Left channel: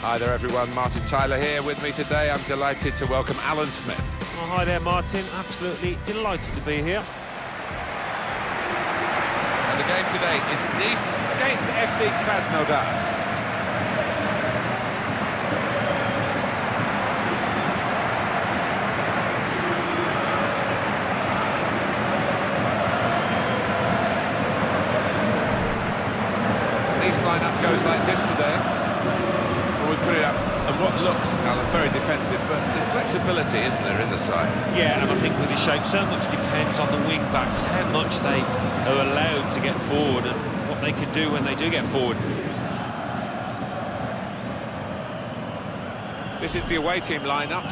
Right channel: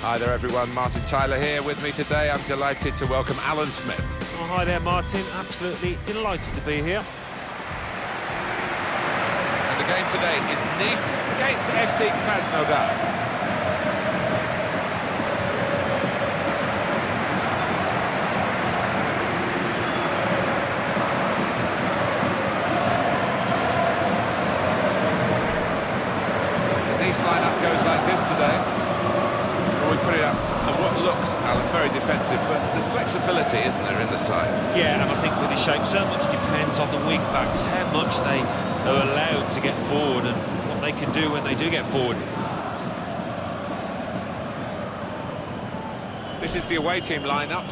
Hi there everyone, Martin Tyler here with me today. I'm delighted to welcome Alan Smith. Oh, hi there Martin, absolutely delighted to be here. And the game today is Nice against FC Krasnodar. The Nice lineup goes like this today. Well, we put it up, and what looks, Alan, very defensive, but there's flexibility, isn't there, in the side? Yeah, and I think with the shape, so much depends on the wing-backs, how much they are allowed to get forward and what they can do when they do get forward. This is the away team lineup.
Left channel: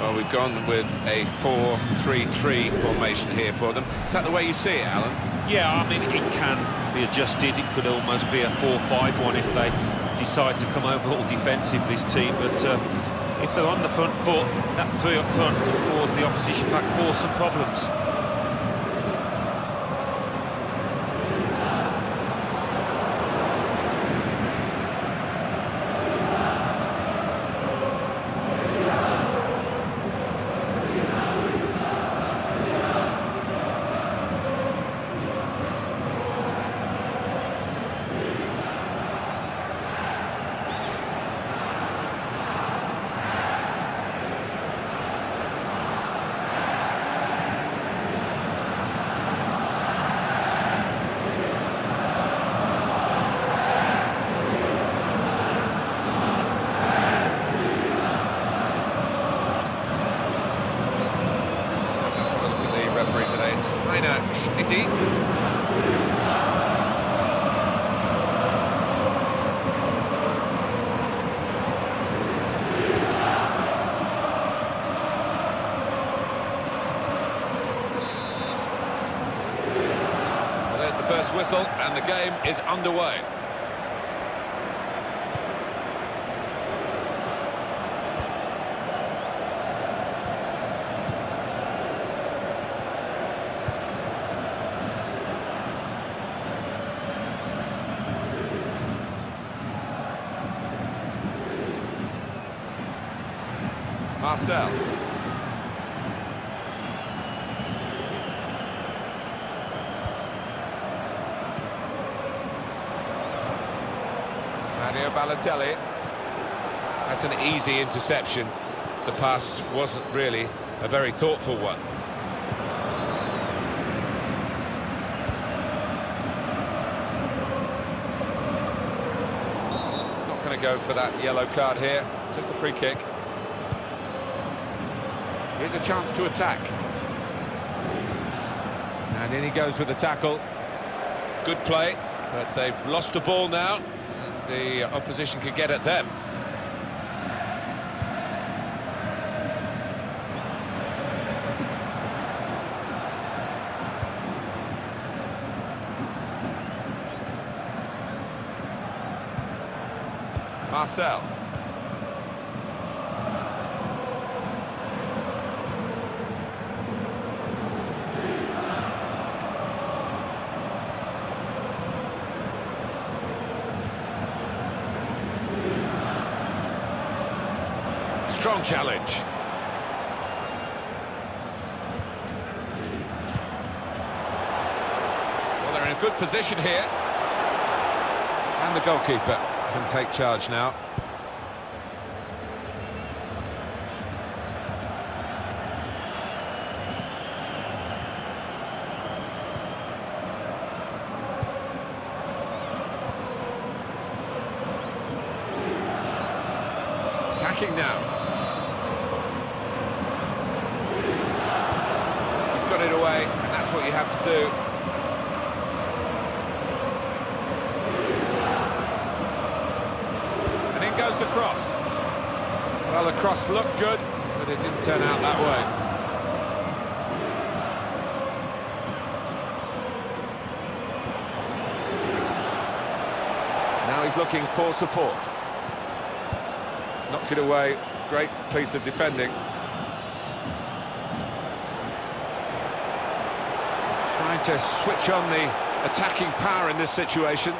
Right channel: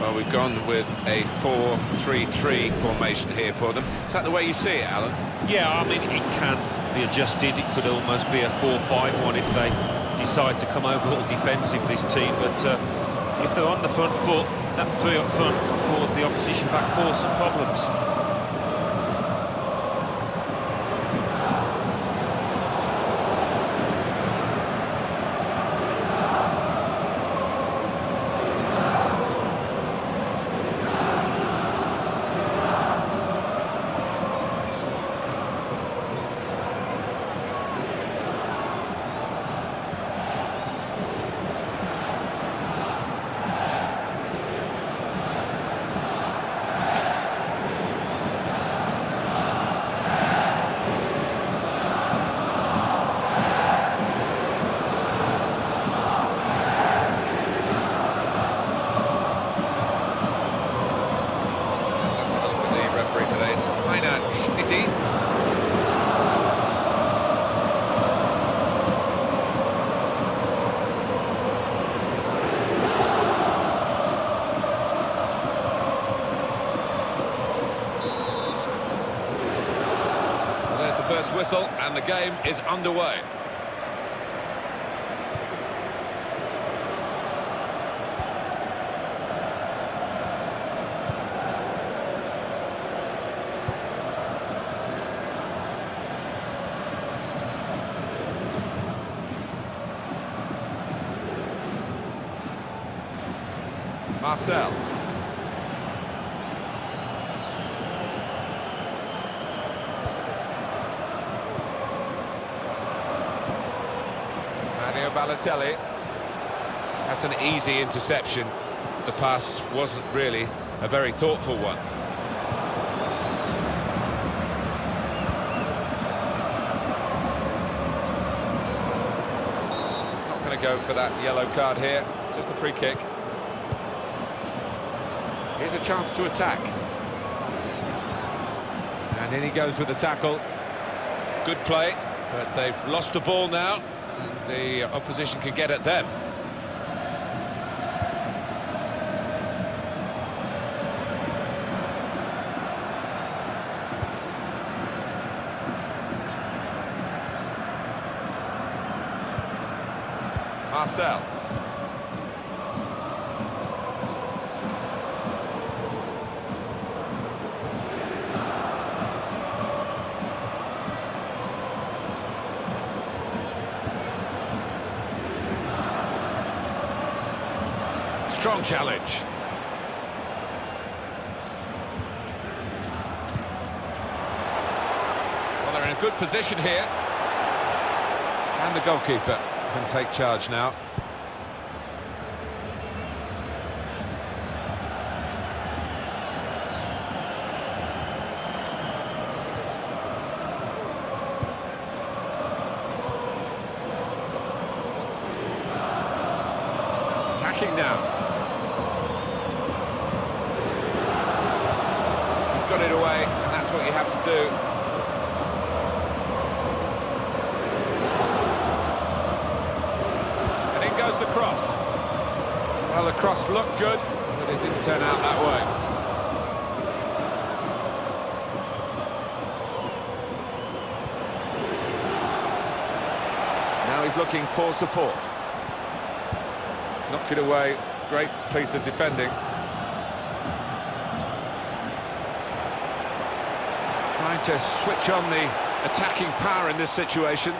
Well, we've gone with a 4-3-3 formation here for them. Is that the way you see it, Alan? Yeah, I mean, it can be adjusted. It could almost be a 4-5-1 if they decide to come over all defensive, this team, but if they're on the front foot, that three up front can cause the opposition back four some problems. Referee today, it's Feyenoord. Well, there's the first whistle, and the game is underway. Marcel. Mario Balotelli. That's an easy interception. The pass wasn't really a very thoughtful one. Not going to go for that yellow card here, just a free kick. Here's a chance to attack. And in he goes with the tackle. Good play, but they've lost the ball now, and the opposition can get at them. Marcel. Strong challenge. Well, they're in a good position here. And the goalkeeper can take charge now. Attacking now. Got it away, and that's what you have to do. And in goes the cross. Well, the cross looked good, but it didn't turn out that way. Now he's looking for support. Knocked it away, great piece of defending. Trying to switch on the attacking power in this situation.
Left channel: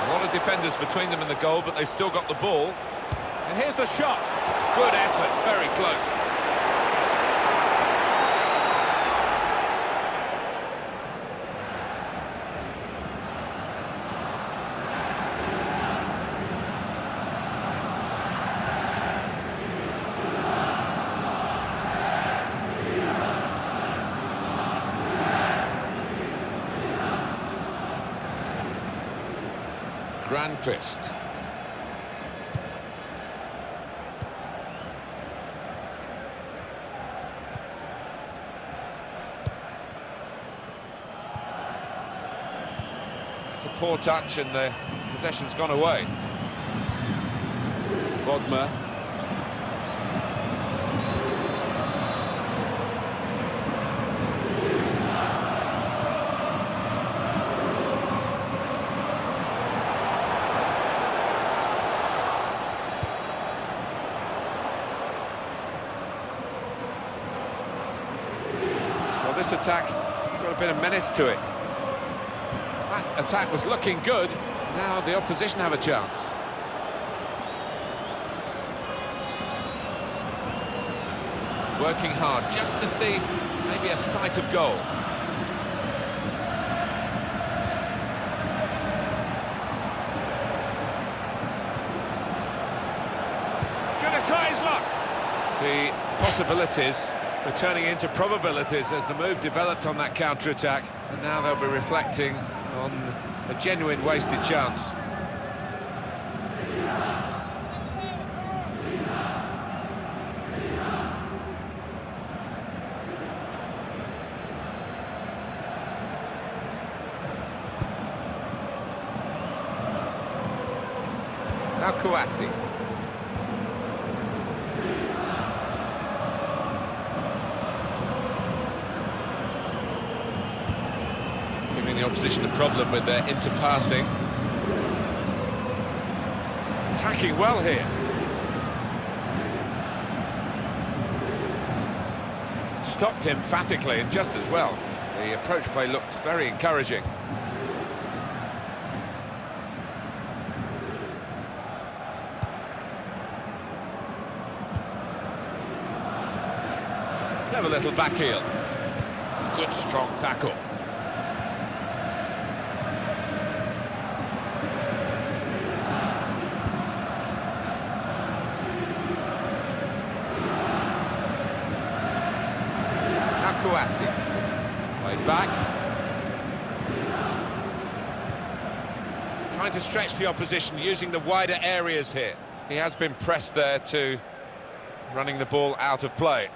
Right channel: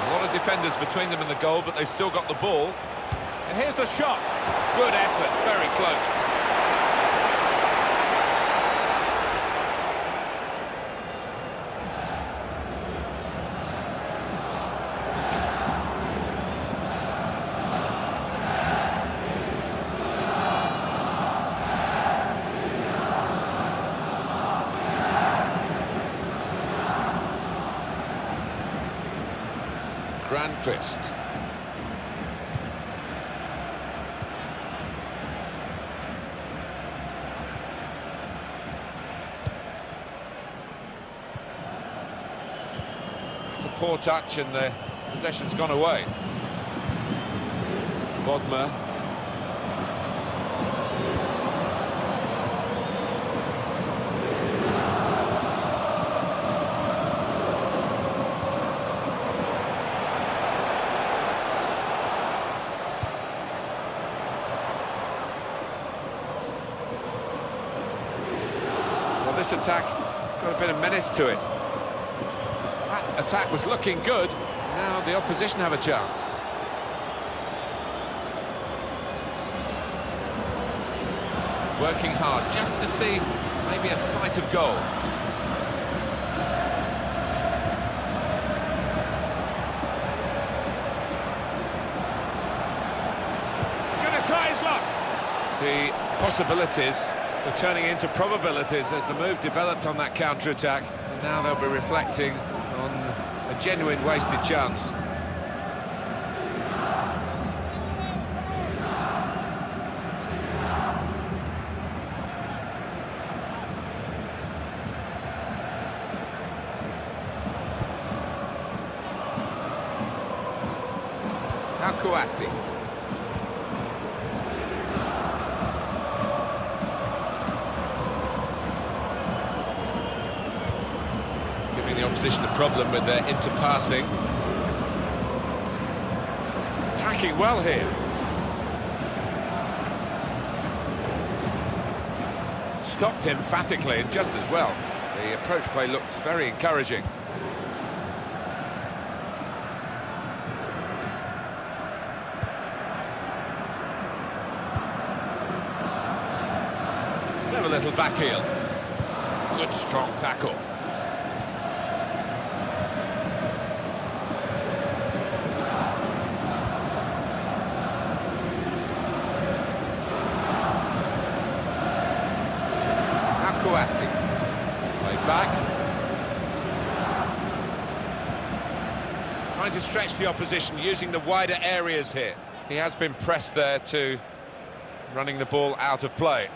A lot of defenders between them and the goal, but they still got the ball. And here's the shot. Good effort, very close. Grandquist. It's a poor touch and the possession's gone away. Bodmer. Well, this attack got a bit of menace to it. That attack was looking good. Now the opposition have a chance. Working hard just to see maybe a sight of goal. Gonna try his luck. The possibilities were turning into probabilities as the move developed on that counter-attack, and now they'll be reflecting on a genuine wasted chance. Now Kouassi. Giving the opposition a problem with their interpassing. Attacking well here. Stopped emphatically and just as well. The approach play looked very encouraging. Clever little back heel. Good strong tackle. Kouassi. Way back. Trying to stretch the opposition, using the wider areas here. He has been pressed there to running the ball out of play.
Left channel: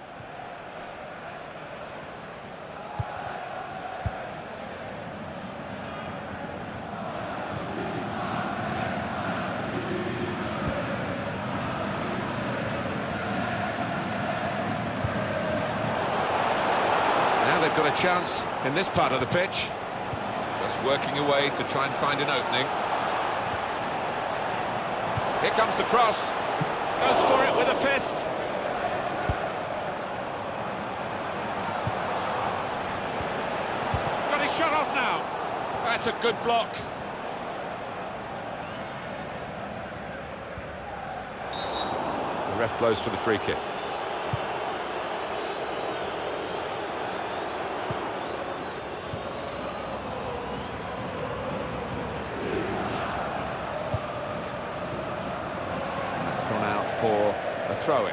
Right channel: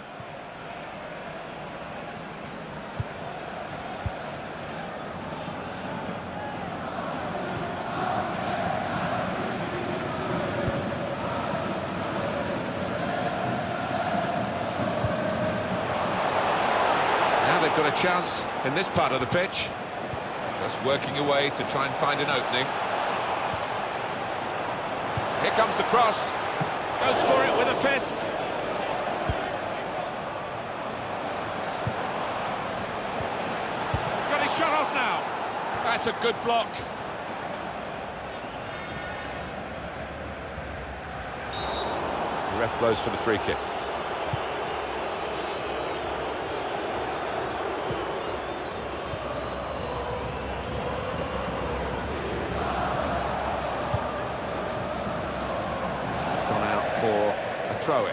They've got a chance in this part of the pitch. Just working away to try and find an opening. Here comes the cross. Goes for it with a fist. He's got his shot off now. That's a good block. The ref blows for the free kick. Gone out for a throw-in.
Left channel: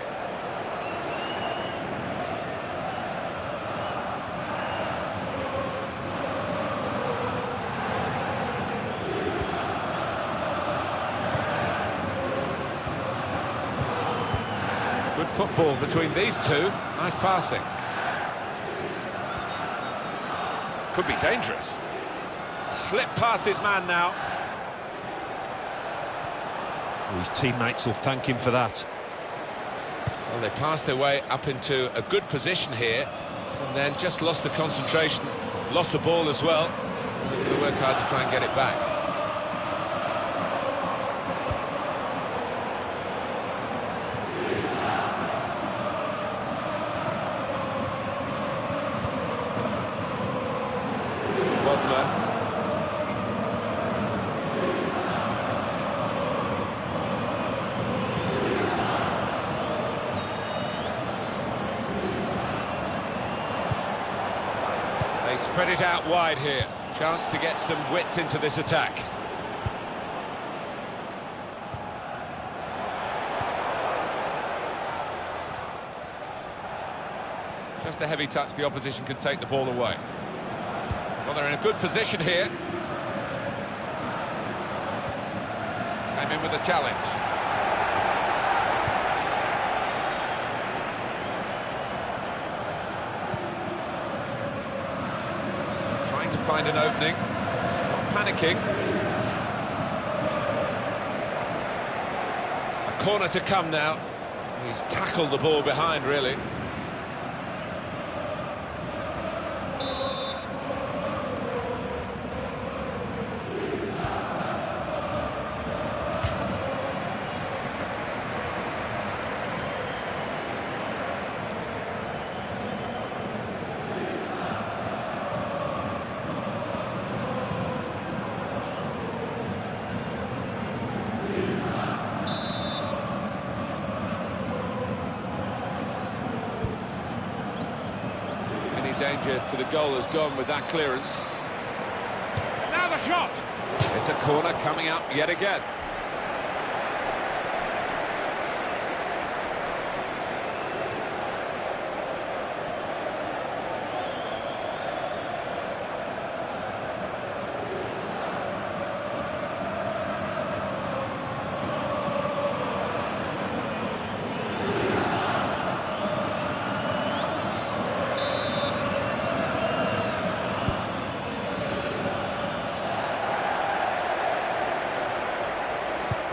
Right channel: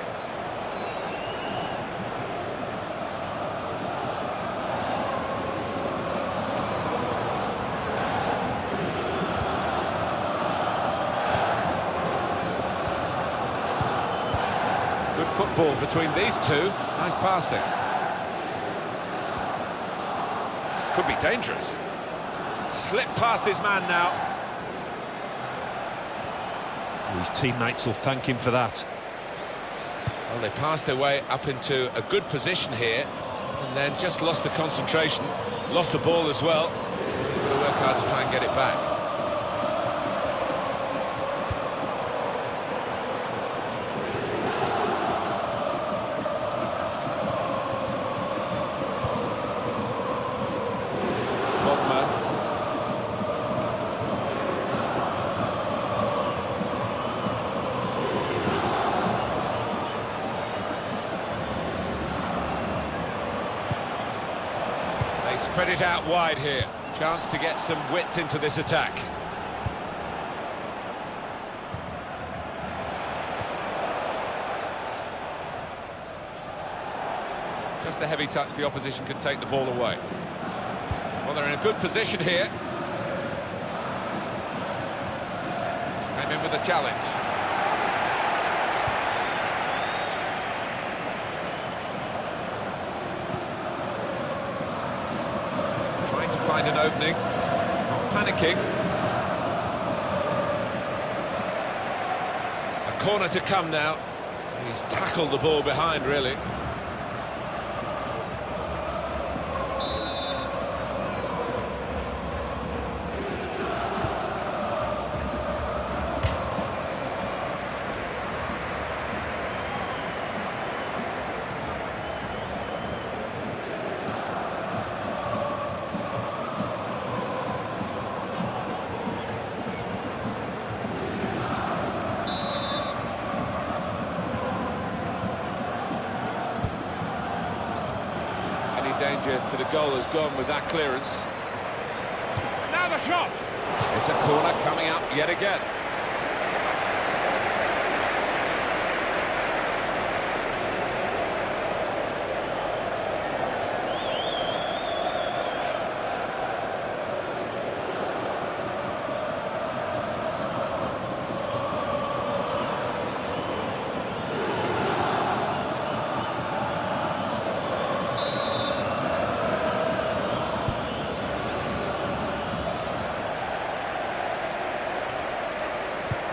Good football between these two. Nice passing. Could be dangerous. Slipped past his man now. His teammates will thank him for that. Well, they passed their way up into a good position here, and then just lost the concentration, lost the ball as well. And they've got to work hard to try and get it back. Bodmer. spread it out wide here. Chance to get some width into this attack. Just a heavy touch, the opposition could take the ball away. Well, they're in a good position here. Came in with a challenge. Trying to find an opening, not panicking. A corner to come now. He's tackled the ball behind, really. Any danger to the goal has gone with that clearance. And now the shot! It's a corner coming up yet again.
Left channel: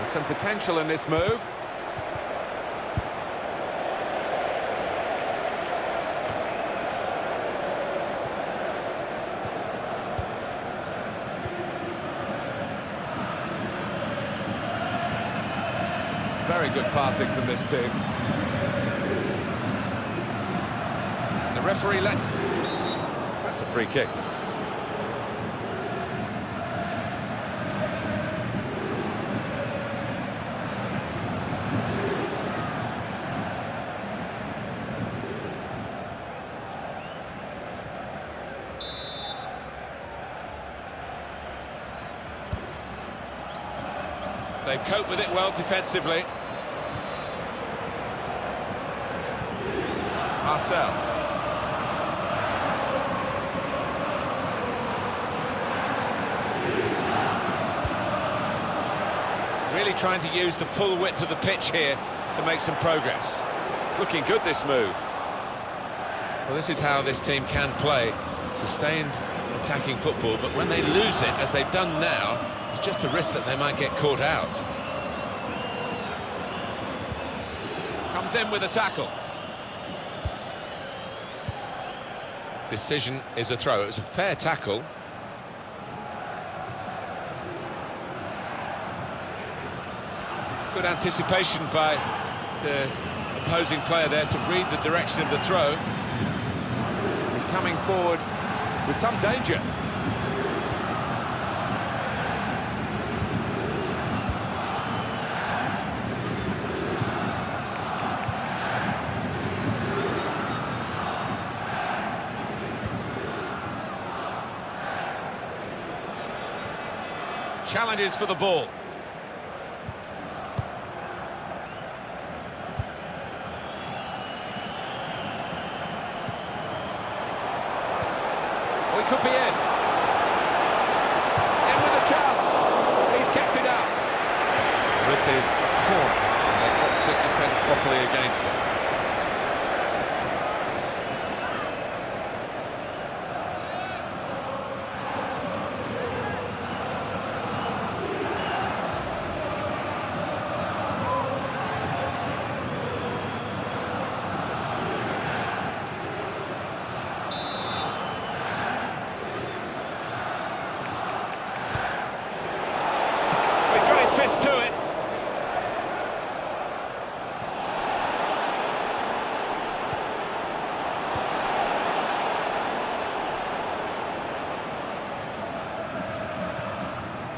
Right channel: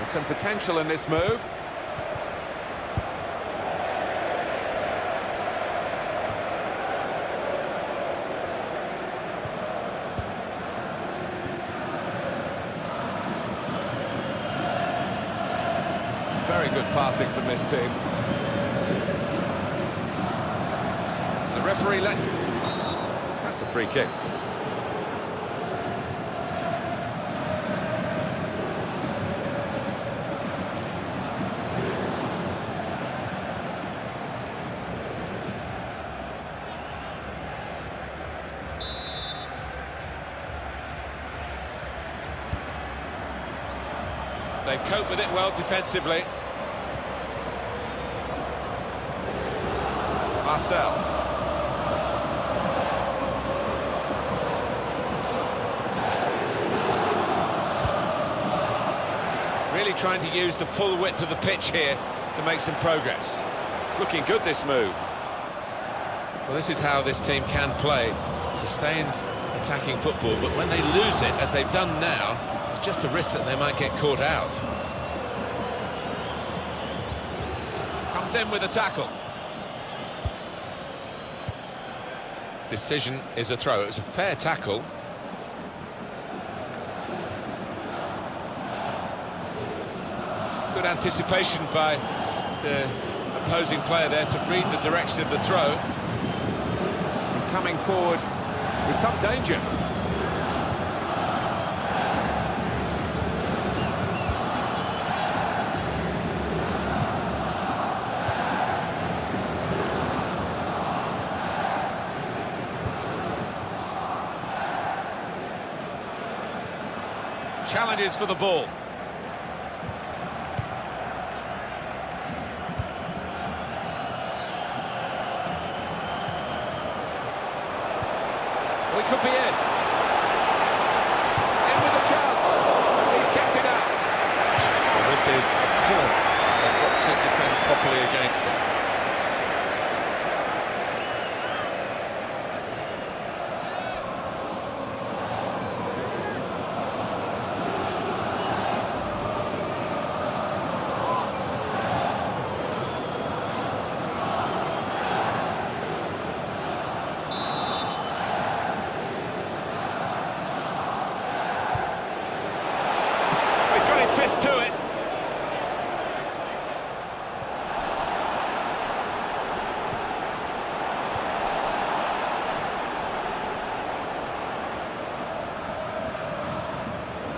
Some potential in this move. Very good passing from this team. The referee lets... That's a free kick. They cope with it well defensively. Marcel. Really trying to use the full width of the pitch here to make some progress. It's looking good, this move. Well, this is how this team can play. Sustained attacking football, but when they lose it, as they've done now, it's just a risk that they might get caught out. Comes in with a tackle. Decision is a throw. It was a fair tackle. Good anticipation by the opposing player there to read the direction of the throw. He's coming forward with some danger. Challenges for the ball. Oh, he could be in. In with a chance. He's kept it out. Well, this is a corner. They've got to defend properly against it. To it.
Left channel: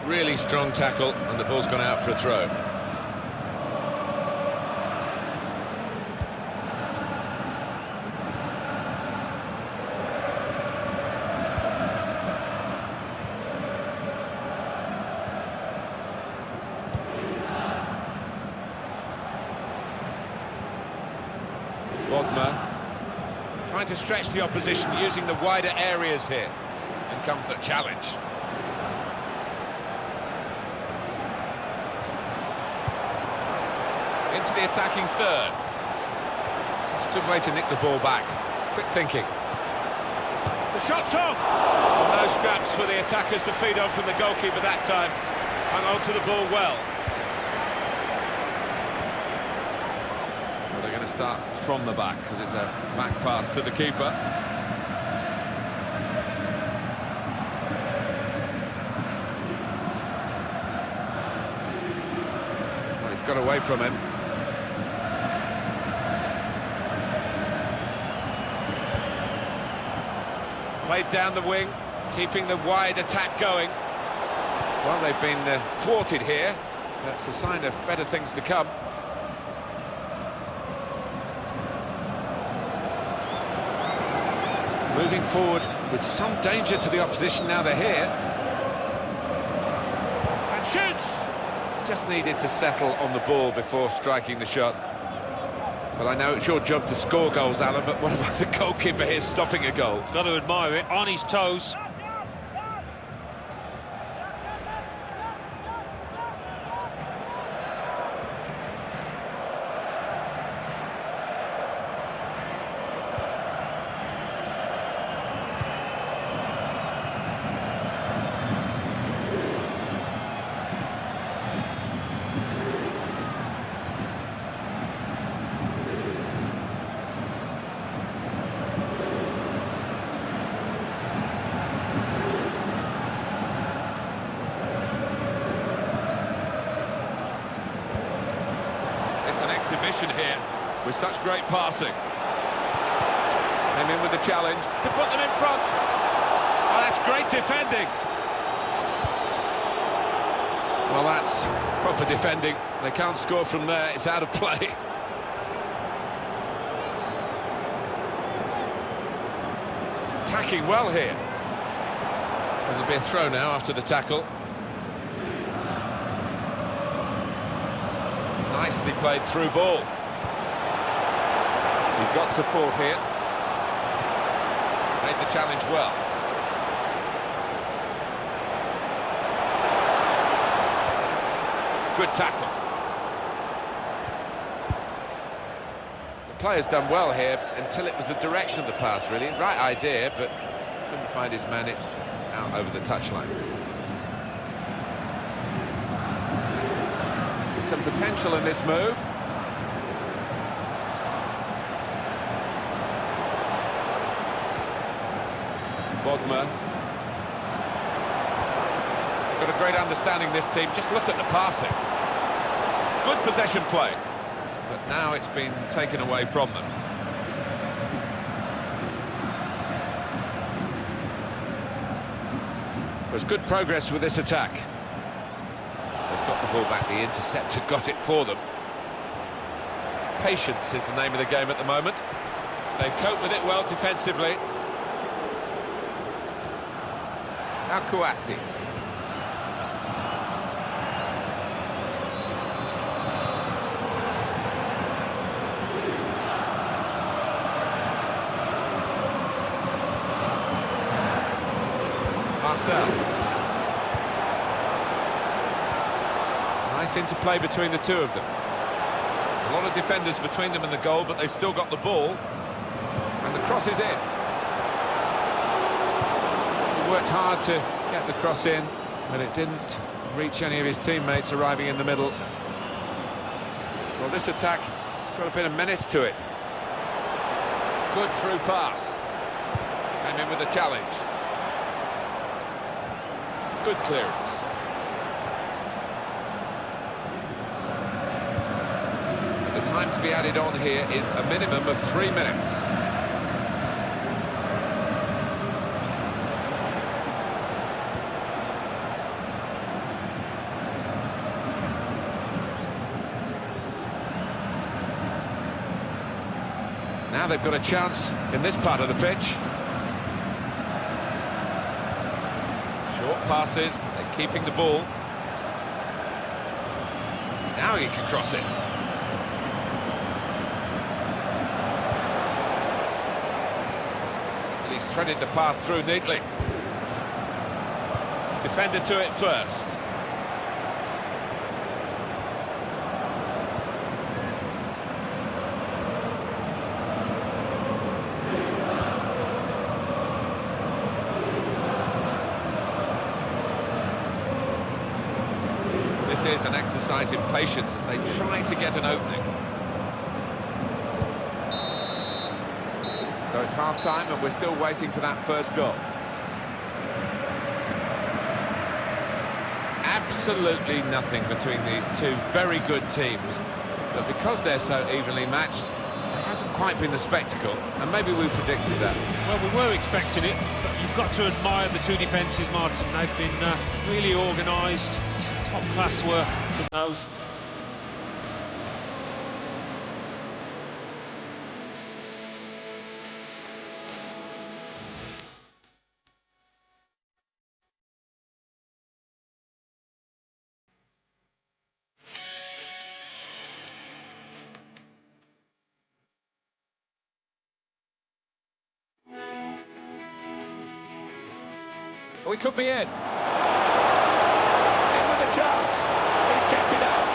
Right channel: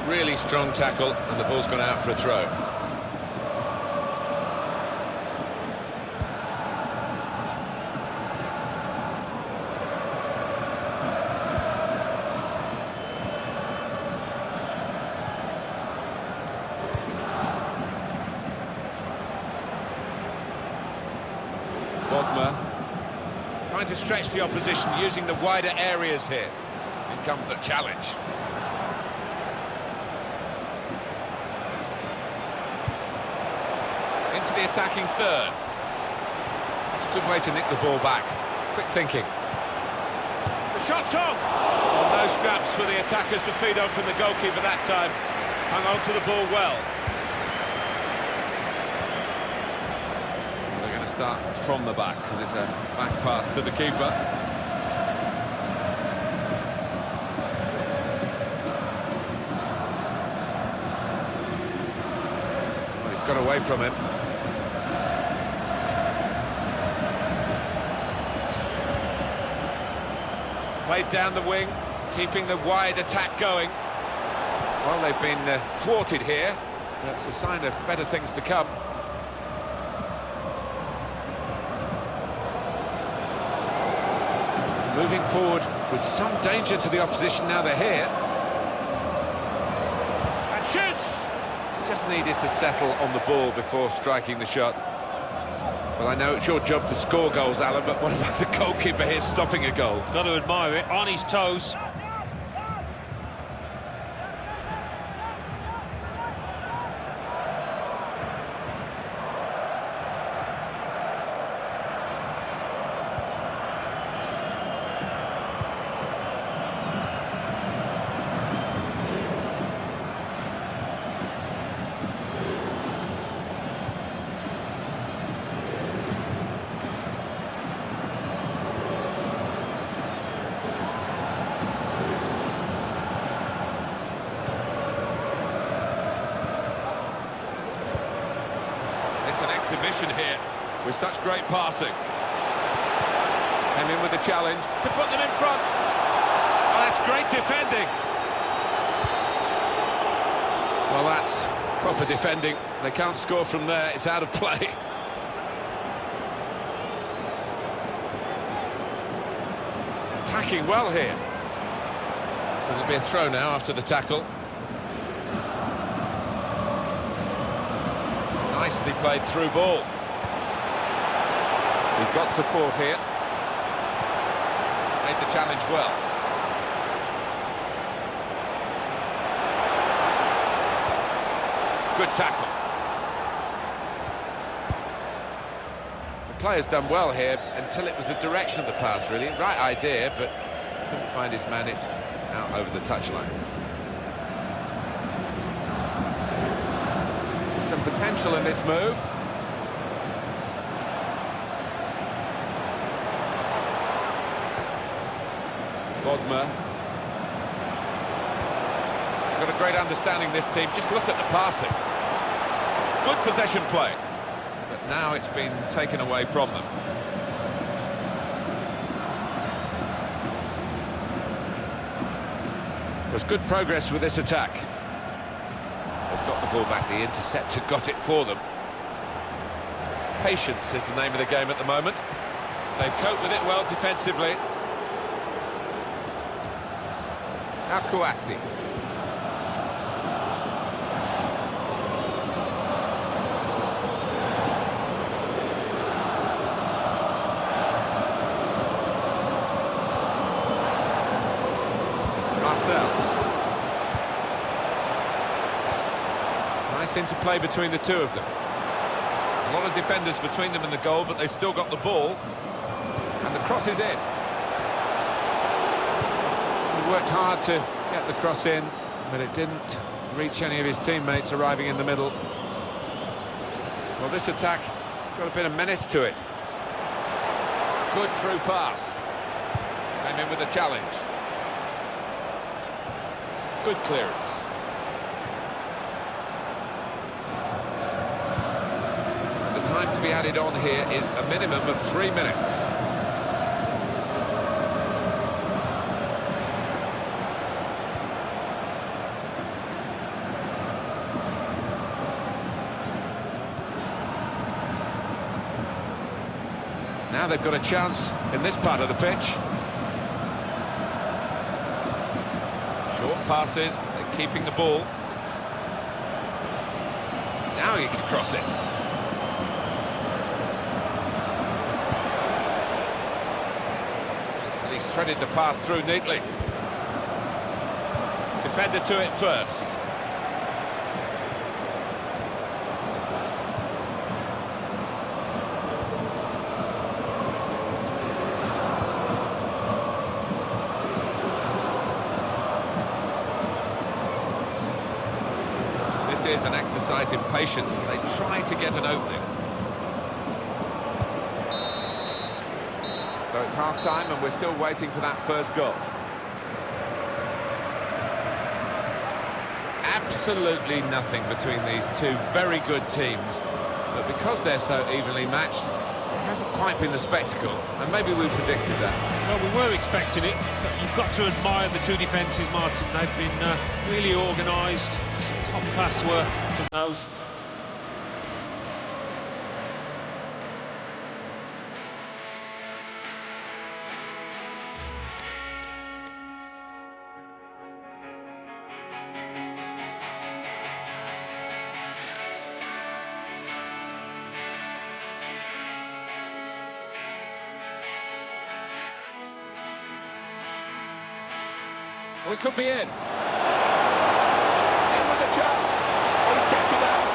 Really strong tackle, and the ball's gone out for a throw. Bodmer trying to stretch the opposition, using the wider areas here. In comes the challenge. Into the attacking third. That's a good way to nick the ball back. Quick thinking. The shot's on! Oh, no scraps for the attackers to feed on from the goalkeeper that time. Hung on to the ball well. Well, they're going to start from the back because it's a back pass to the keeper. Well, he's got away from him. Played down the wing, keeping the wide attack going. Well, they've been thwarted here. That's a sign of better things to come. Moving forward with some danger to the opposition now they're here. And shoots! Just needed to settle on the ball before striking the shot. Well, I know it's your job to score goals, Alan, but what about the goalkeeper here stopping a goal? Got to admire it, on his toes. It's an exhibition here with such great passing. Came in with the challenge to put them in front. Oh, that's great defending. Well, that's proper defending. They can't score from there. It's out of play. Attacking well here. There'll be a throw now after the tackle. Nicely played through ball. He's got support here. Made the challenge well. Good tackle. The player's done well here until it was the direction of the pass, really. Right idea, but couldn't find his man. It's out over the touchline. Some potential in this move. Bodmer. They've got a great understanding, this team. Just look at the passing. Good possession play. But now it's been taken away from them. There's good progress with this attack. They've got the ball back, the interceptor got it for them. Patience is the name of the game at the moment. They've coped with it well defensively. Now Kouassi. Marcel. Nice interplay between the two of them. A lot of defenders between them and the goal, but they've still got the ball. And the cross is in. He worked hard to get the cross in, but it didn't reach any of his teammates arriving in the middle. Well, this attack has got a bit of menace to it. Good through pass. Came in with a challenge. Good clearance. The time to be added on here is a minimum of 3 minutes. Now they've got a chance in this part of the pitch. Short passes, but they're keeping the ball. Now he can cross it. And he's threaded the pass through neatly. Defender to it first. This is an exercise in patience as they try to get an opening. So it's half-time and we're still waiting for that first goal. Absolutely nothing between these two very good teams, but because they're so evenly matched, it hasn't quite been the spectacle, and maybe we predicted that. Well, we were expecting it, but you've got to admire the two defences, Martin. They've been really organised, some top-class work from those. We could be in. In with a chance. He's kept it out.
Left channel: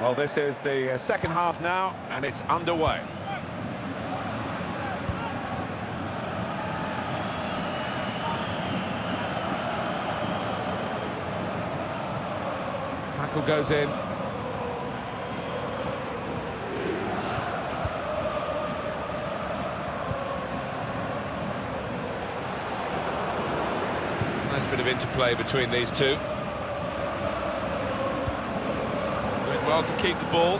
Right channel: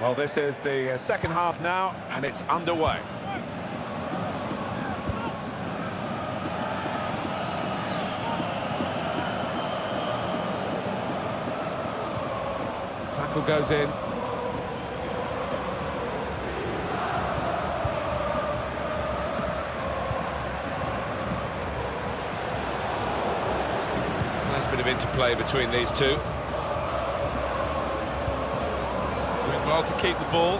Well, this is the second half now, and it's underway. Tackle goes in. Nice bit of interplay between these two. Doing well to keep the ball.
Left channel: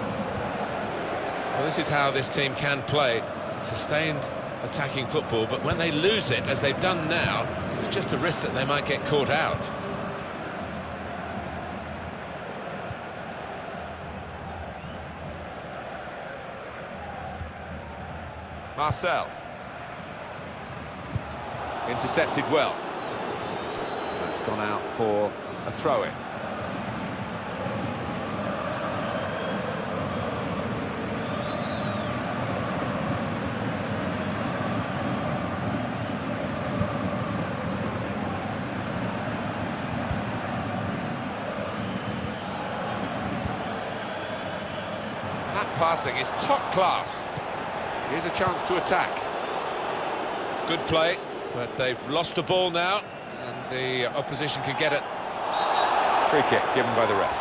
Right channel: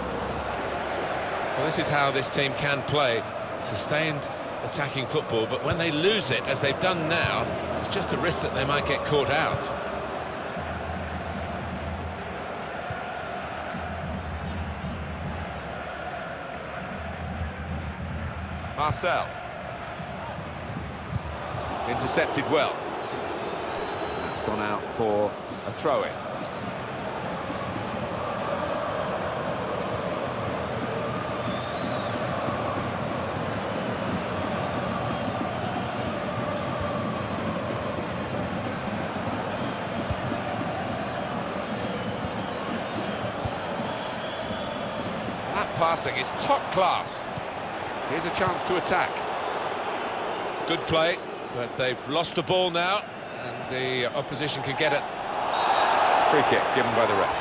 Well, this is how this team can play. Sustained attacking football, but when they lose it, as they've done now, it's just a risk that they might get caught out. Marcel. Intercepted well. That's gone out for a throw-in. That passing is top class. Here's a chance to attack. Good play, but they've lost the ball now, and the opposition can get it. Free kick given by the ref.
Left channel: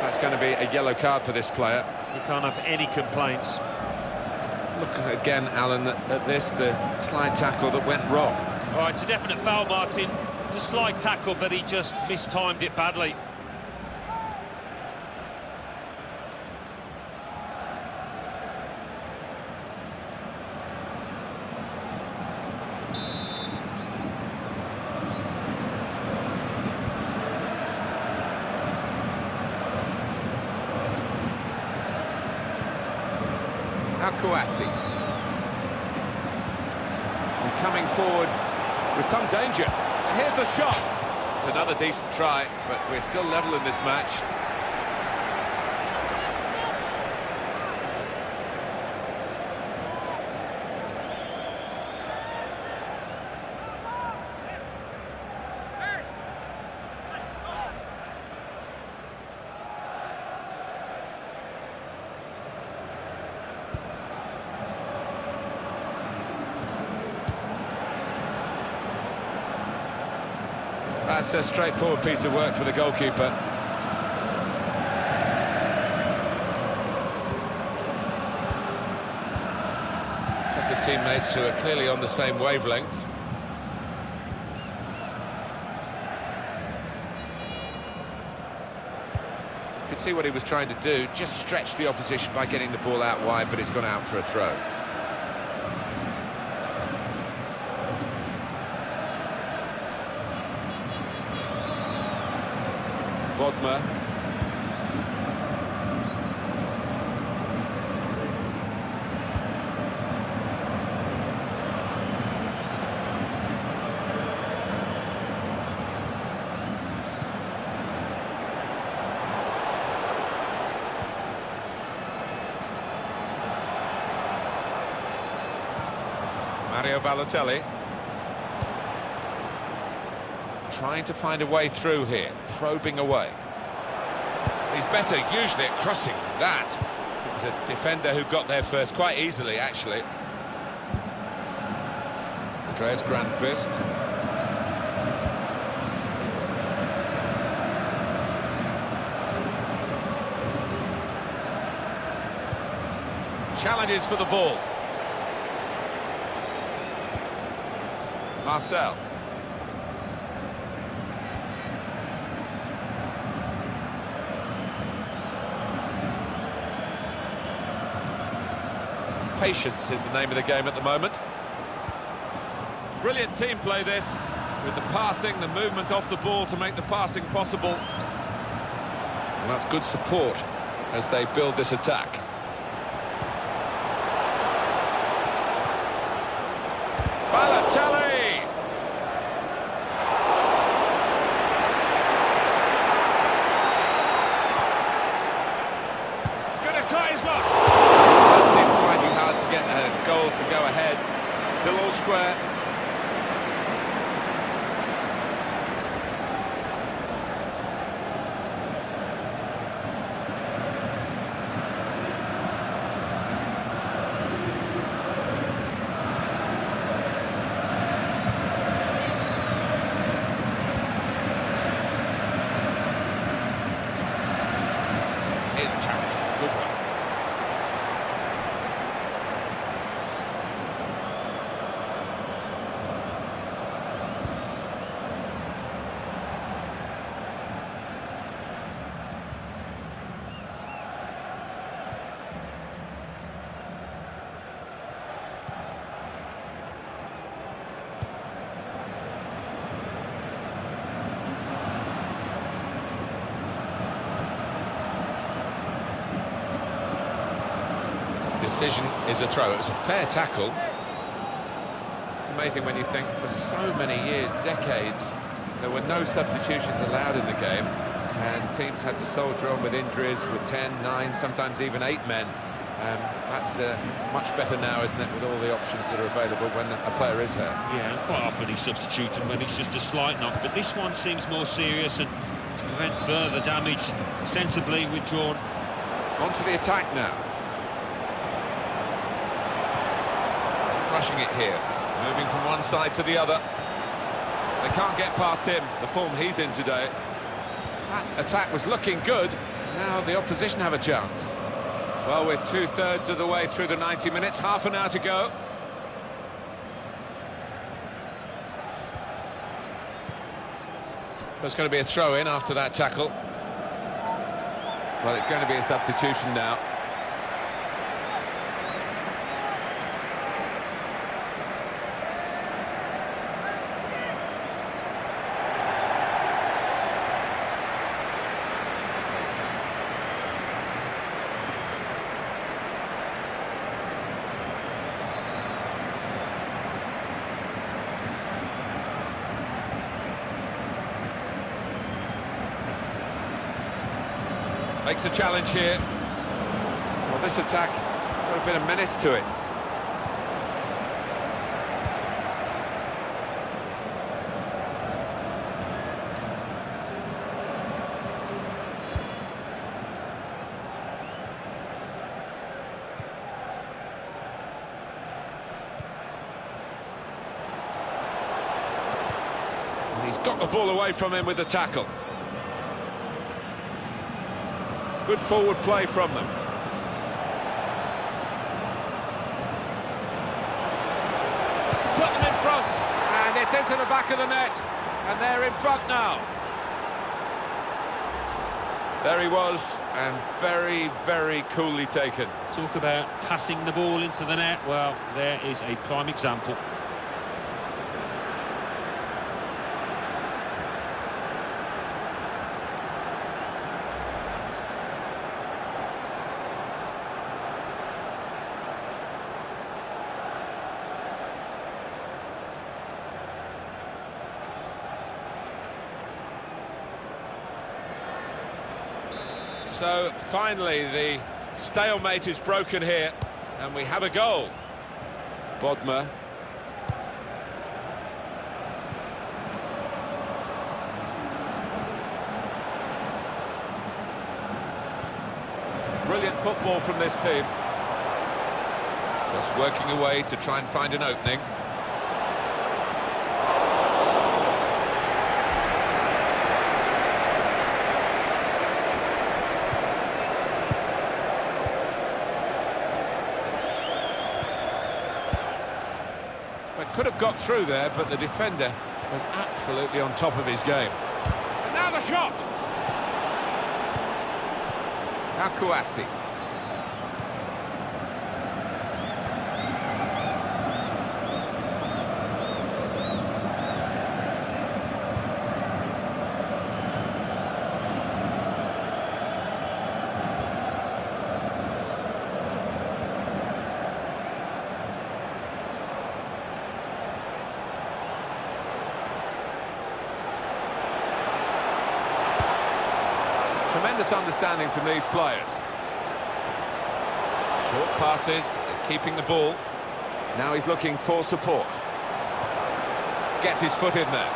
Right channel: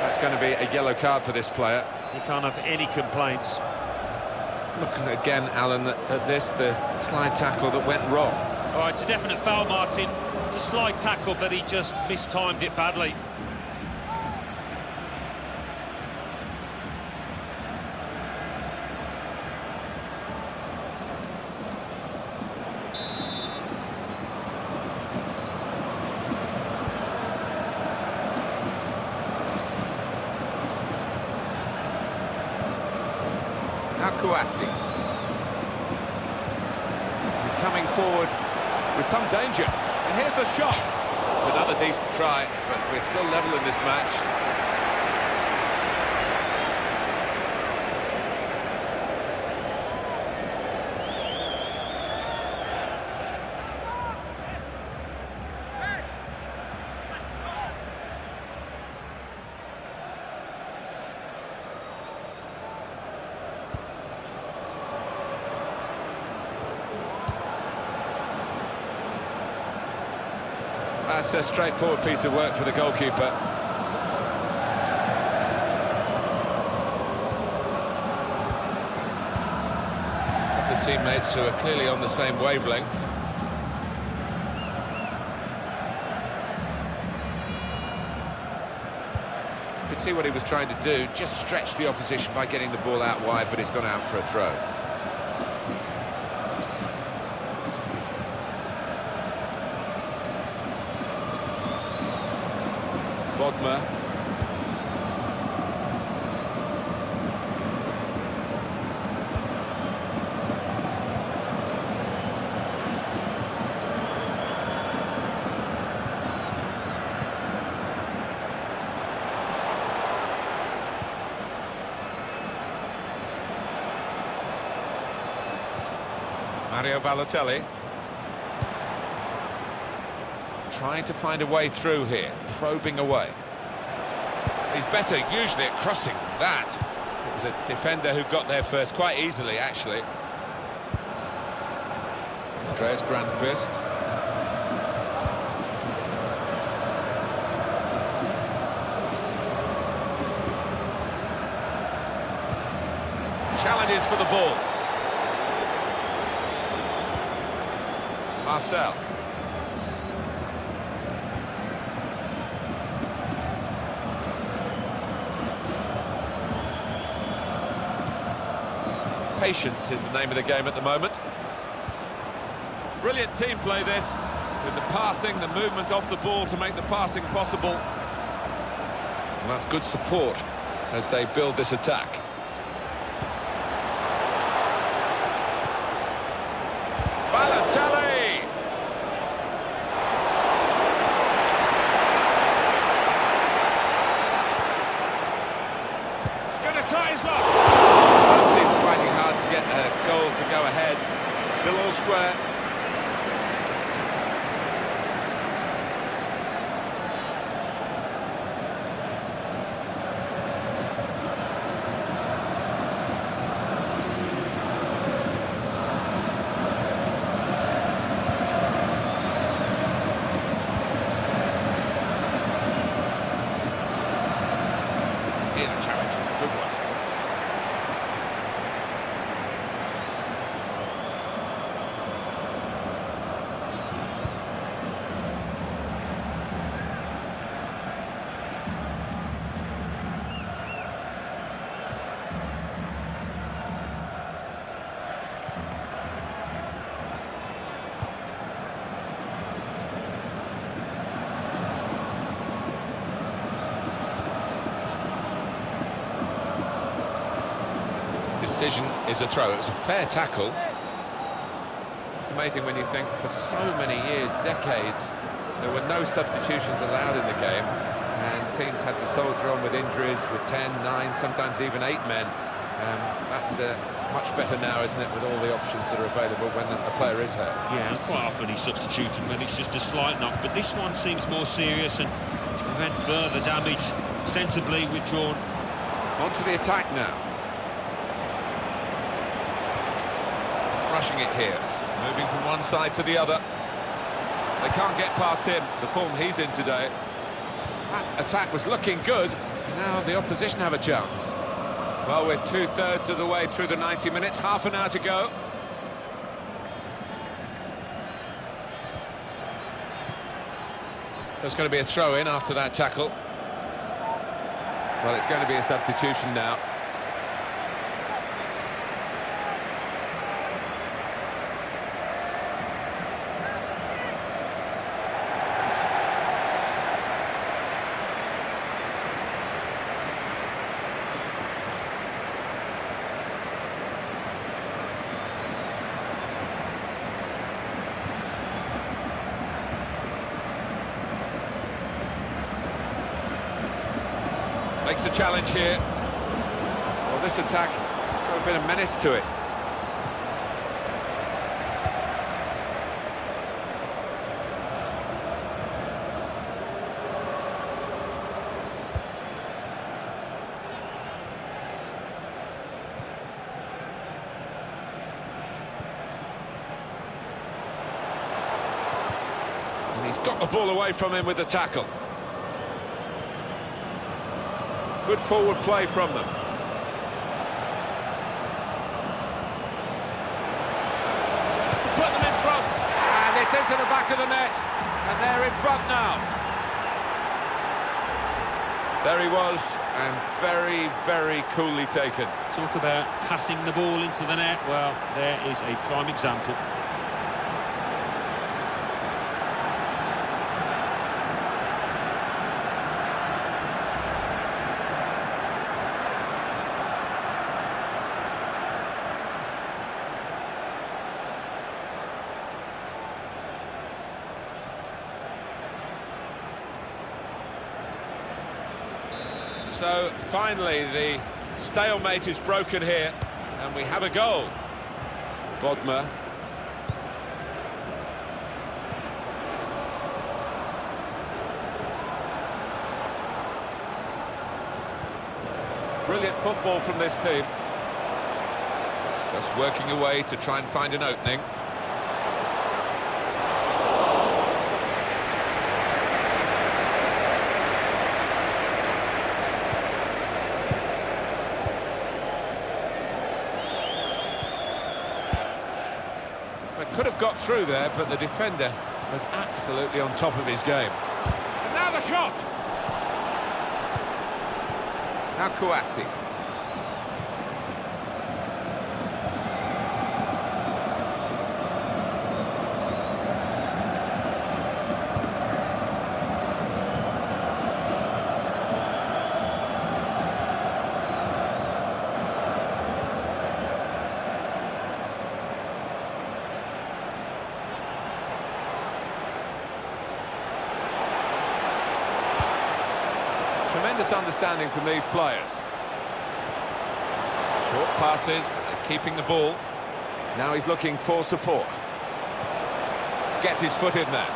That's going to be a yellow card for this player. You can't have any complaints. Look again, Alan, at this, the slide tackle that went wrong. All right, it's a definite foul, Martin. It's a slide tackle, but he just mistimed it badly. Now Kouassi. He's coming forward with some danger. And here's the shot. It's another decent try, but we're still level in this match. That's a straightforward piece of work for the goalkeeper. A couple of teammates who are clearly on the same wavelength. You could see what he was trying to do, just stretch the opposition by getting the ball out wide, but it's gone out for a throw. Bodmer. Mario Balotelli. Trying to find a way through here, probing away. He's better usually at crossing than that. It was a defender who got there first, quite easily actually. Andreas Grandqvist. Challenges for the ball. Marcel. Patience is the name of the game at the moment. Brilliant team play this, with the passing, the movement off the ball to make the passing possible. And that's good support as they build this attack. Balotelli! Gonna try his luck! Both teams fighting hard to get a goal to go ahead. Still all square. Here's a challenge, it's a good one. Decision is a throw. It was a fair tackle. It's amazing when you think for so many years, decades, there were no substitutions allowed in the game, and teams had to soldier on with injuries with 10, 9, sometimes even 8 men. That's much better now, isn't it, with all the options that are available when a player is hurt. Yeah, and quite often he's substituting when it's just a slight knock, but this one seems more serious, and to prevent further damage, sensibly withdrawn. On to the attack now. Rushing it here, moving from one side to the other. They can't get past him, the form he's in today. That attack was looking good, now the opposition have a chance. Well, we're 2/3 of the way through the 90 minutes, half an hour to go. There's going to be a throw-in after that tackle. Well, it's going to be a substitution now. Makes a challenge here. Well, this attack got a bit of menace to it. And he's got the ball away from him with the tackle. Good forward play from them. Put them in front, and it's into the back of the net, and they're in front now. There he was, and very, very coolly taken. Talk about passing the ball into the net. Well, there is a prime example. So finally the stalemate is broken here, and we have a goal. Bodmer. Brilliant football from this team. Just working away to try and find an opening. Could have got through there, but the defender was absolutely on top of his game. And now the shot! Now Kouassi. Tremendous understanding from these players. Short passes, but they're keeping the ball. Now he's looking for support. Gets his foot in there.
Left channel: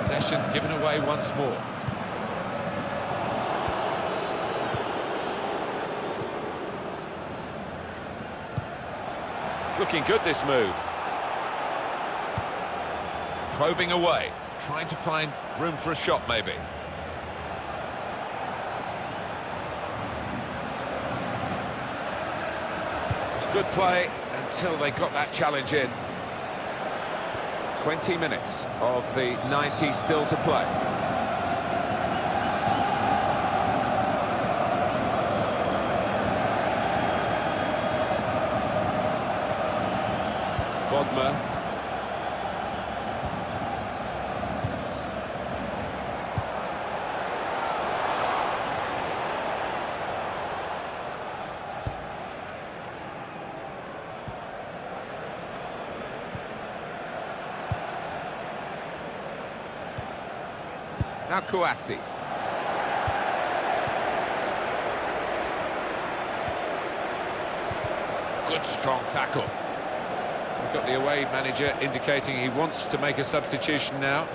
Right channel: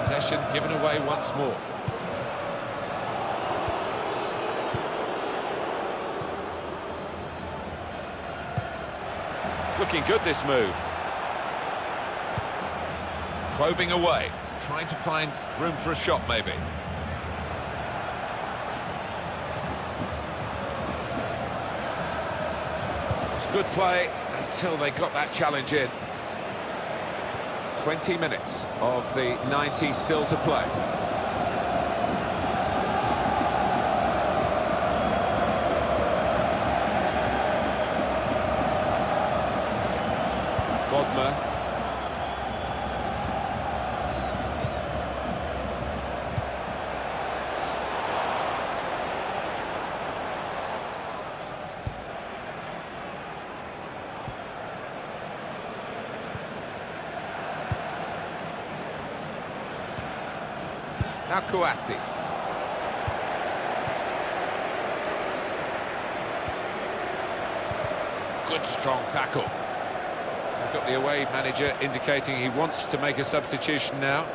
Possession given away once more. It's looking good, this move. Probing away, trying to find room for a shot, maybe. It's good play until they got that challenge in. 20 minutes of the 90 still to play. Bodmer. Now Kouassi. Good strong tackle. We've got the away manager indicating he wants to make a substitution now.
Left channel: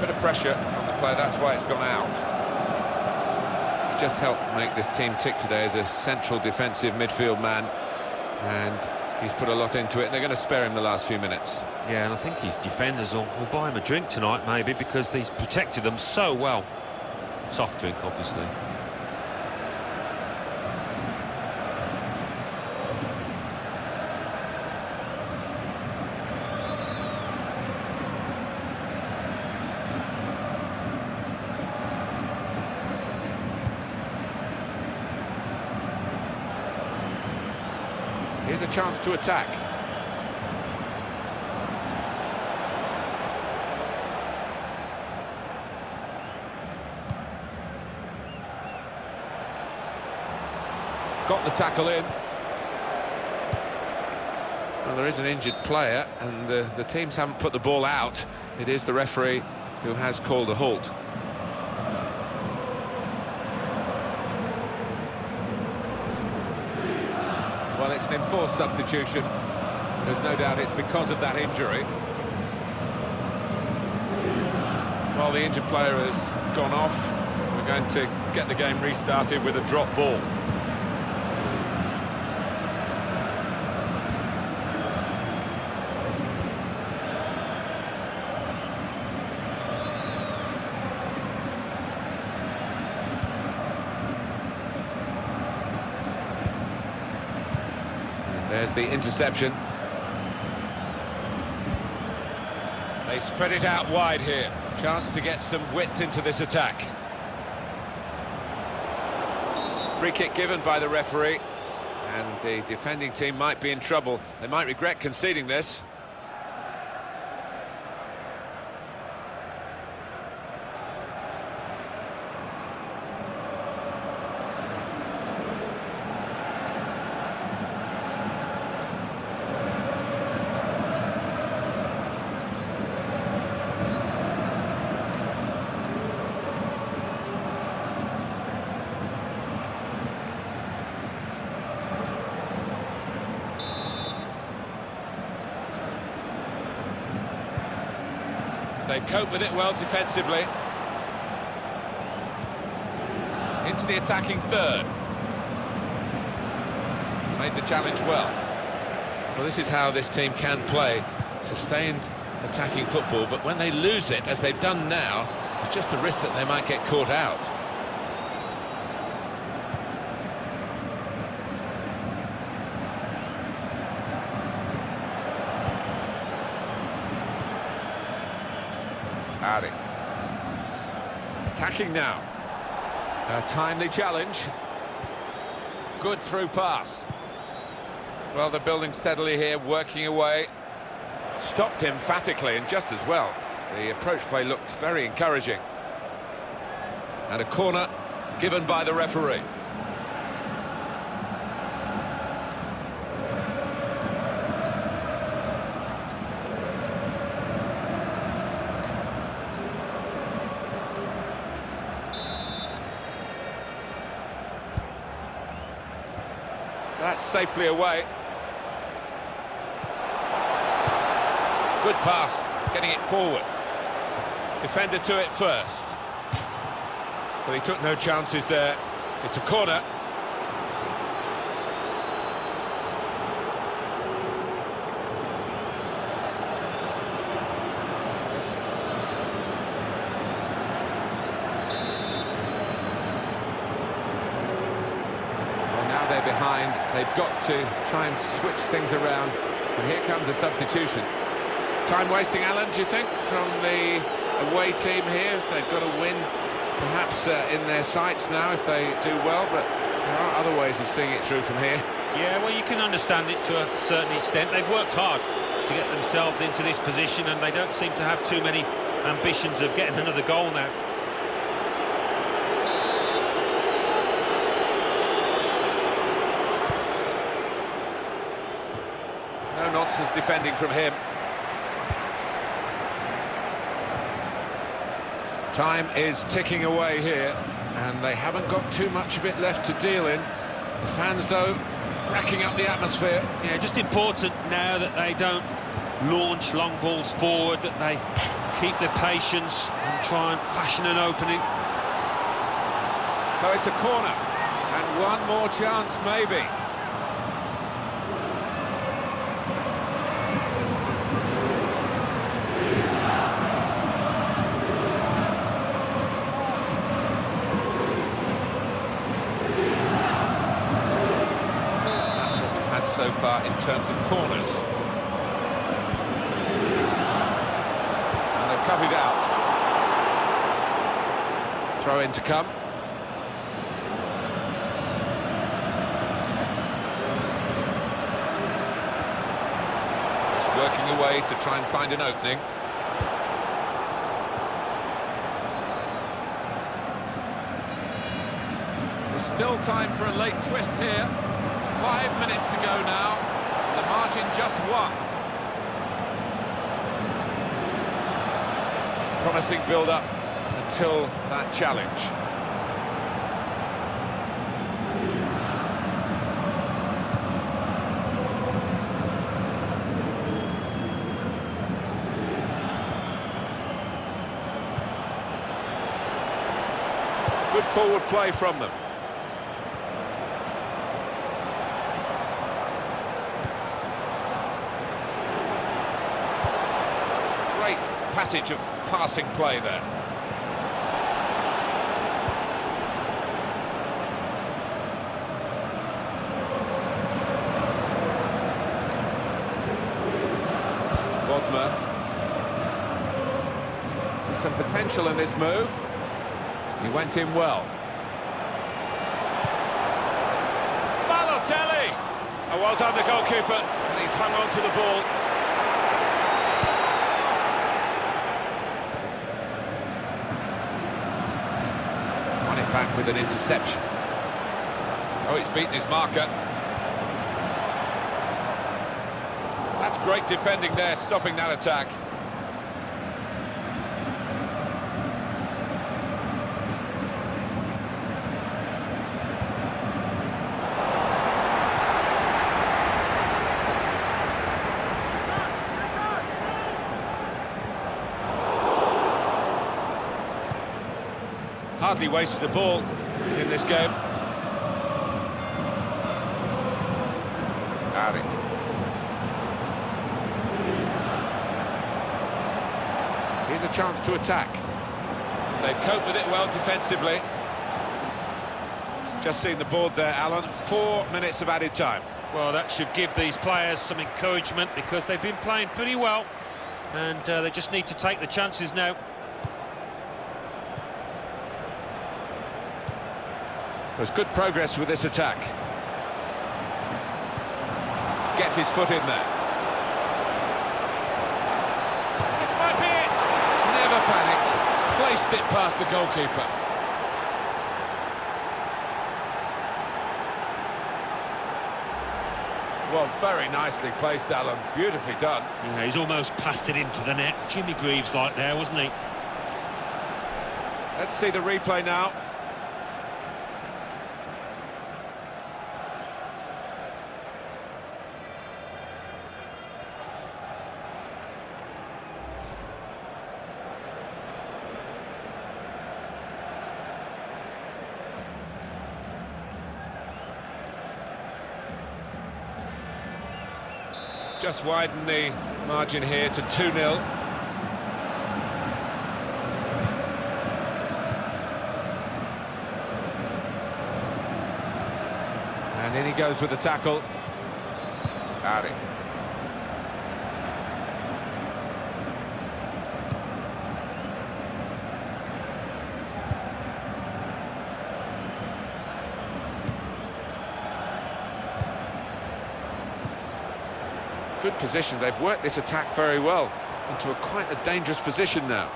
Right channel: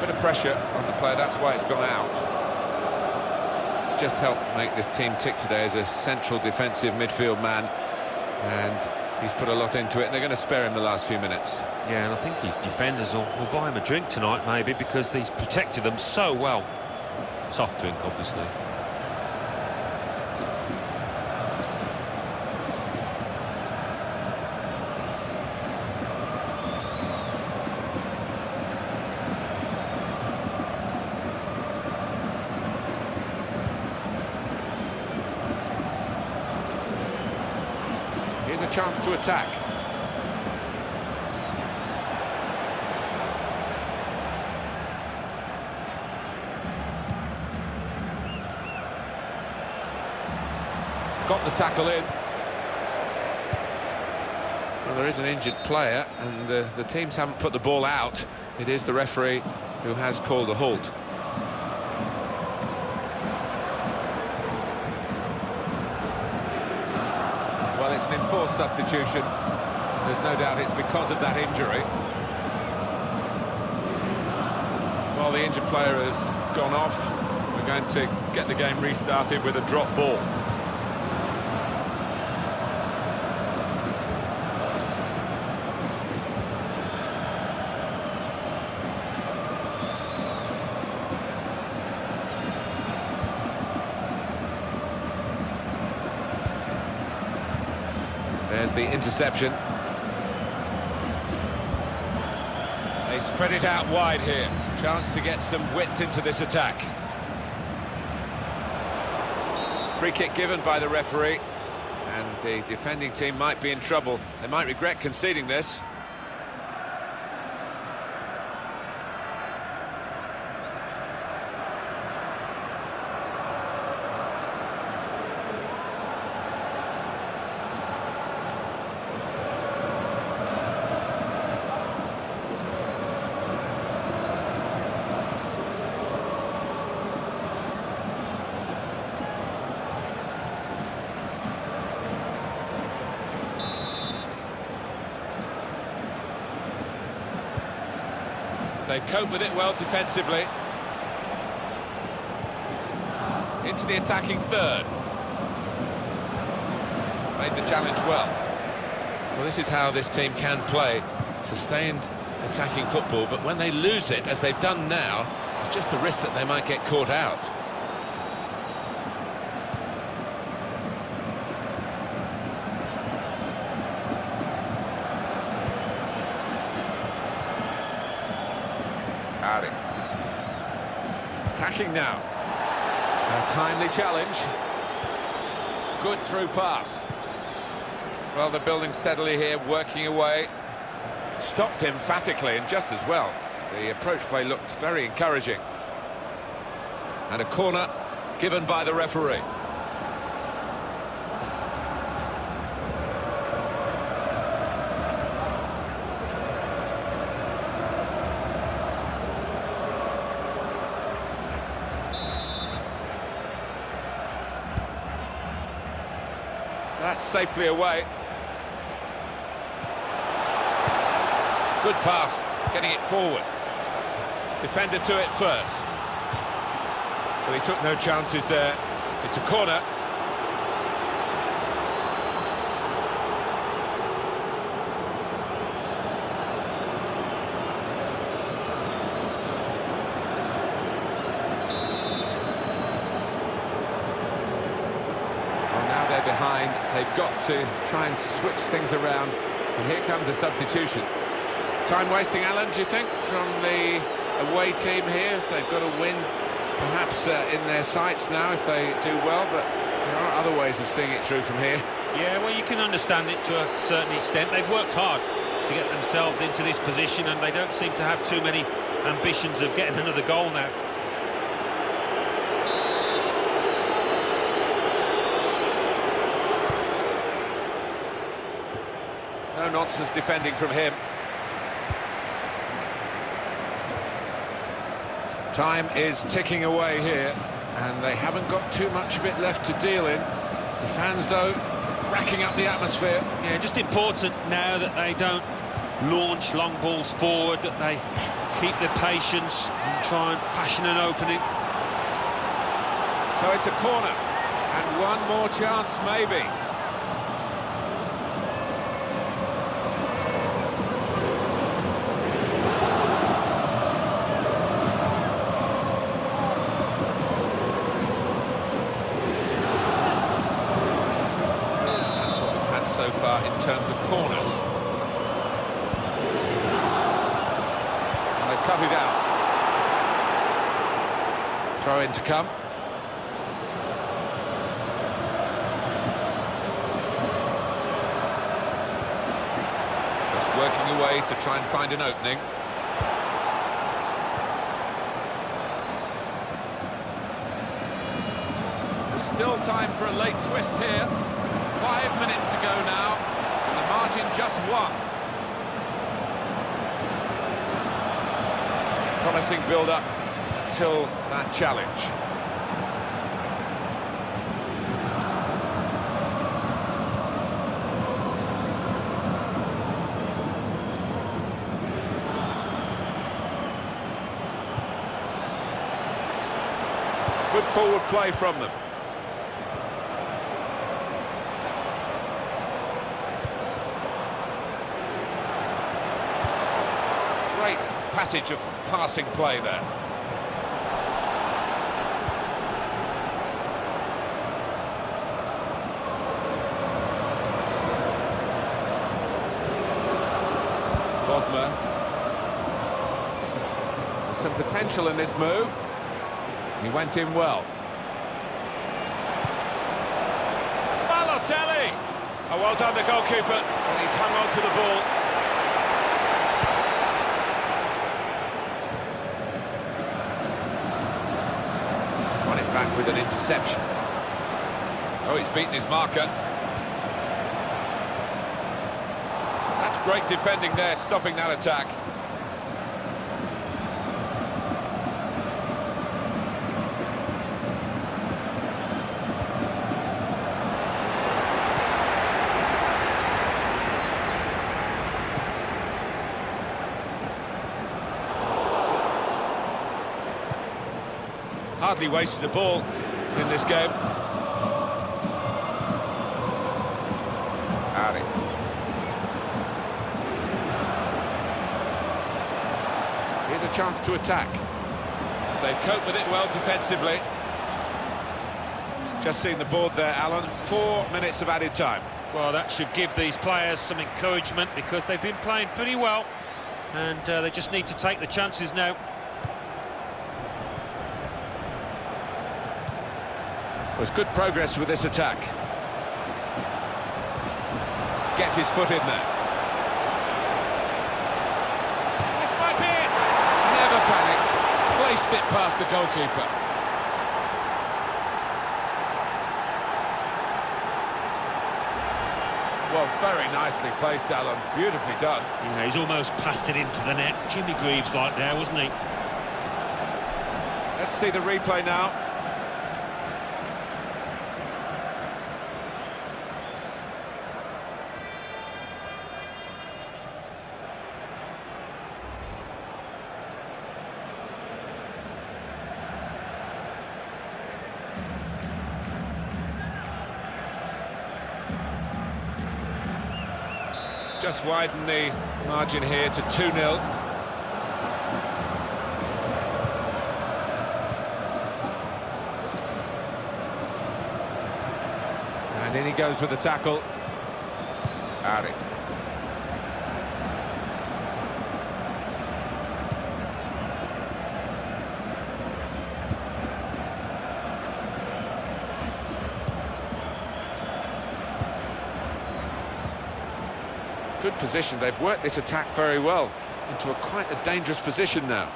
Bit of pressure on the player, that's why it's gone out. He's just helped make this team tick today as a central defensive midfield man, and he's put a lot into it, and they're going to spare him the last few minutes. Yeah, and I think his defenders will buy him a drink tonight, maybe, because he's protected them so well. Soft drink, obviously. Here's a chance to attack. Got the tackle in. Well, there is an injured player, and the teams haven't put the ball out. It is the referee who has called a halt. Well, it's an enforced substitution. There's no doubt it's because of that injury. Well, the injured player has gone off. We're going to get the game restarted with a drop ball. There's the interception. They spread it out wide here. Chance to get some width into this attack. Free kick given by the referee. And the defending team might be in trouble. They might regret conceding this. They cope with it well defensively. Into the attacking third. Made the challenge well. Well, this is how this team can play. Sustained attacking football, but when they lose it, as they've done now, it's just a risk that they might get caught out. Attacking now. A timely challenge. Good through pass. Well, they're building steadily here, working away. Stopped emphatically and just as well. The approach play looked very encouraging. And a corner given by the referee. That's safely away. Good pass, getting it forward. Defender to it first. Well, he took no chances there. It's a corner. Now they're behind, they've got to try and switch things around, and here comes a substitution. Time wasting, Alan, do you think, from the away team here? They've got to win, perhaps in their sights now if they do well, but there are other ways of seeing it through from here. Yeah, well, you can understand it to a certain extent. They've worked hard to get themselves into this position, and they don't seem to have too many ambitions of getting another goal now. No nonsense defending from him. Time is ticking away here, and they haven't got too much of it left to deal in. The fans, though, racking up the atmosphere. Yeah, just important now that they don't launch long balls forward, that they keep their patience and try and fashion an opening. So it's a corner, and one more chance maybe. So far in terms of corners. And they've cut it out. Throw in to come. Just working away to try and find an opening. There's still time for a late twist here. 5 minutes to go now, and the margin just one. Promising build-up until that challenge. Good forward play from them. Great passage of passing play there. Bodmer. There's some potential in this move. He went in well. Balotelli! Oh, well done, the goalkeeper, and he's hung on to the ball. Won it back with an interception. Oh, he's beaten his marker. That's great defending there, stopping that attack. Hardly wasted a ball in this game. Ari. Here's a chance to attack. They've coped with it well defensively. Just seen the board there, Alan. 4 minutes of added time. Well, that should give these players some encouragement because they've been playing pretty well and they just need to take the chances now. There's good progress with this attack. Gets his foot in there. This might be it! Never panicked. Placed it past the goalkeeper. Well, very nicely placed, Alan. Beautifully done. Yeah, he's almost passed it into the net. Jimmy Greaves like there, wasn't he? Let's see the replay now. Just widen the margin here to 2-0. And in he goes with the tackle. Ari. Good position. They've worked this attack very well into quite a dangerous position now.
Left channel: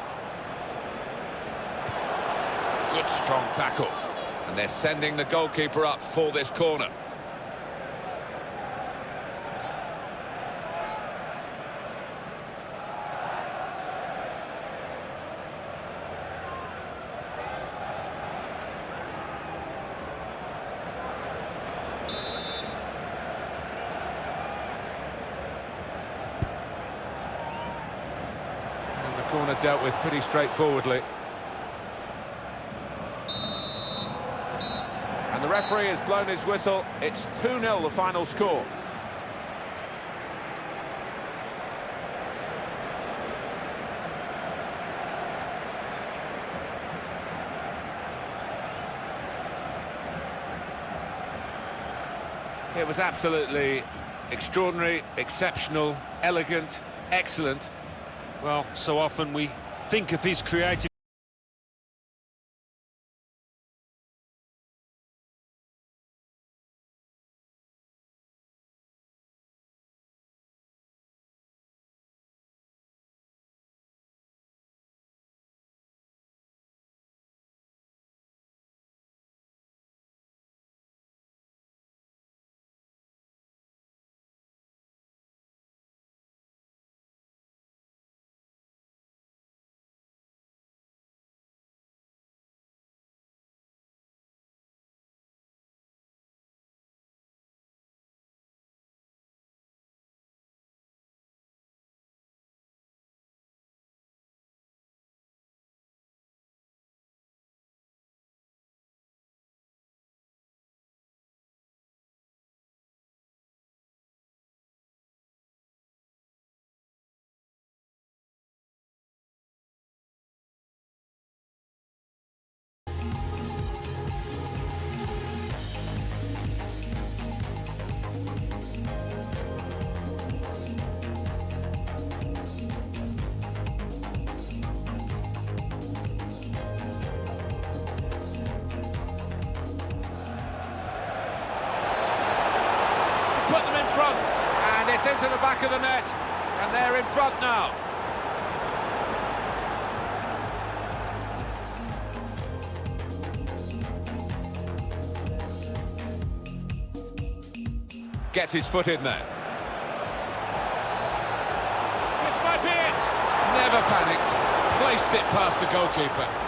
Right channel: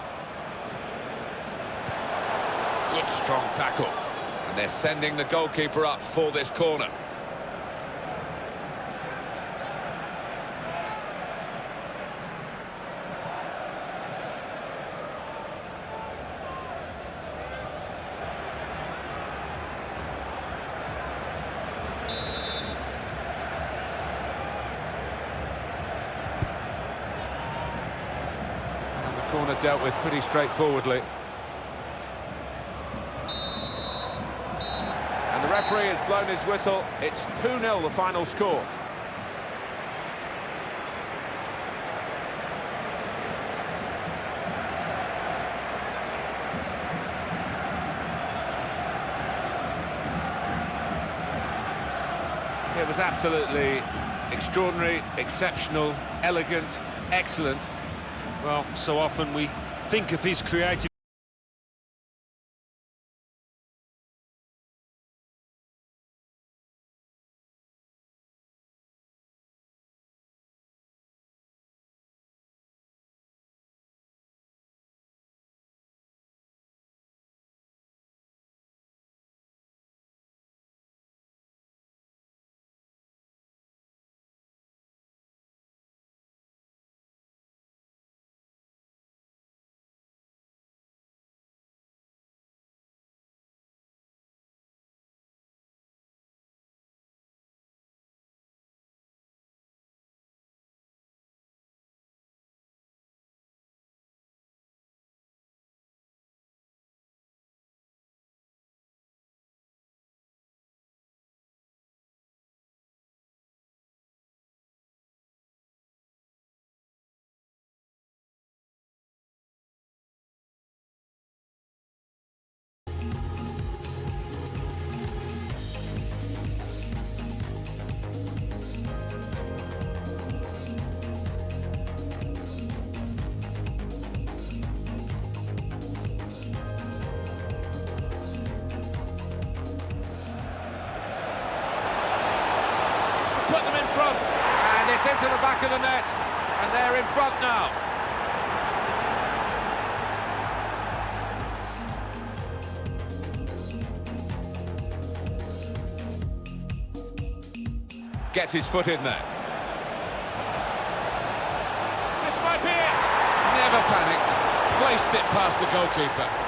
Good strong tackle. And they're sending the goalkeeper up for this corner. Corner dealt with pretty straightforwardly. And the referee has blown his whistle. It's 2-0 the final score. It was absolutely extraordinary, exceptional, elegant, excellent. Well, so often we think of his creative into the back of the net, and they're in front now. Gets his foot in there. This might be it. Never panicked. Placed it past the goalkeeper.